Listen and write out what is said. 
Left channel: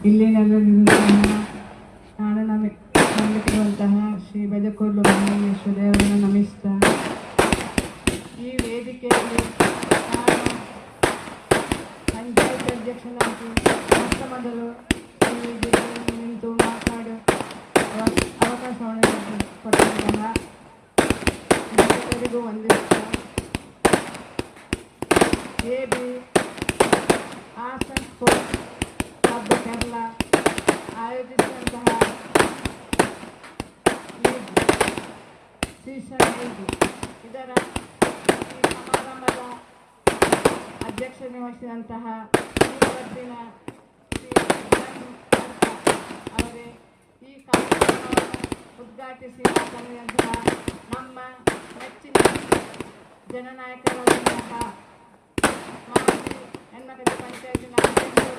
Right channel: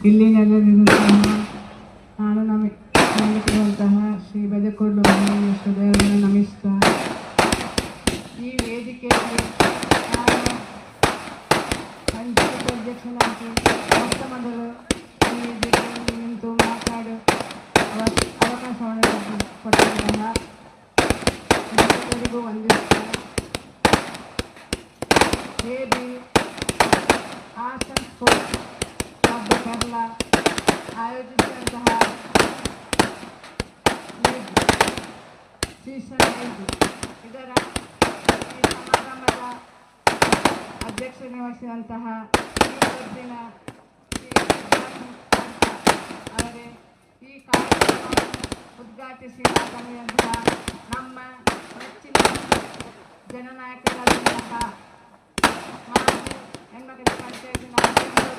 ಇಲ್ಲಿ ನೆಲೆನಿರುವಂತಹ ನಾನು ನಂಬಿಕೊಳ್ಳುವಂತಹ ಶ್ರೀ ಬೆದಕೊಡ್ಲು ಬಸವೇಶ್ವರ ದೇವರನ್ನು ನಮಿಸ್ತಾ ಈ ವೇದಿಕೆಯಲ್ಲಿ ನಾನು ಪಂಚಾಯತ್ ಅಧ್ಯಕ್ಷನಾಗಿ ಮೊಟ್ಟ ಮೊದಲು ಈ ವೇದಿಕೆಯಲ್ಲಿ ನಿಂತು ಮಾತಾಡು ಅವಕಾಶವನ್ನು ಕೊಟ್ಟಂತಹ ಎಲ್ಲರಿಗೂ ವಂದಿಸುತ್ತಾ AB Hassan sports club Kerala ಆಯೋಜಿಸಿದಂತಹ ಲೀಗ್ ಸೀಸನ್ 5 ಇದರ ಈ ಸಮಾರಂಭದ ಅಧ್ಯಕ್ಷತೆ ವಹಿಸಿದಂತಹ ಈ ಕ್ಲಬ್ಬಿನ ಶ್ರೀ ಅವರೇ ಈ ಕಾರ್ಯಕ್ರಮವನ್ನು ಉದ್ಘಾಟಿಸಿ ಮಾತನಾಡಿದಂತಹ ನಮ್ಮ ನೆಚ್ಚಿನ ಜನನಾಯಕರಾದಂತಹ ಮಾಜಿ ಹೆಣ್ಮಕ್ಳ ಪಂಚಾಯತಿನ ಅಧ್ಯಕ್ಷರು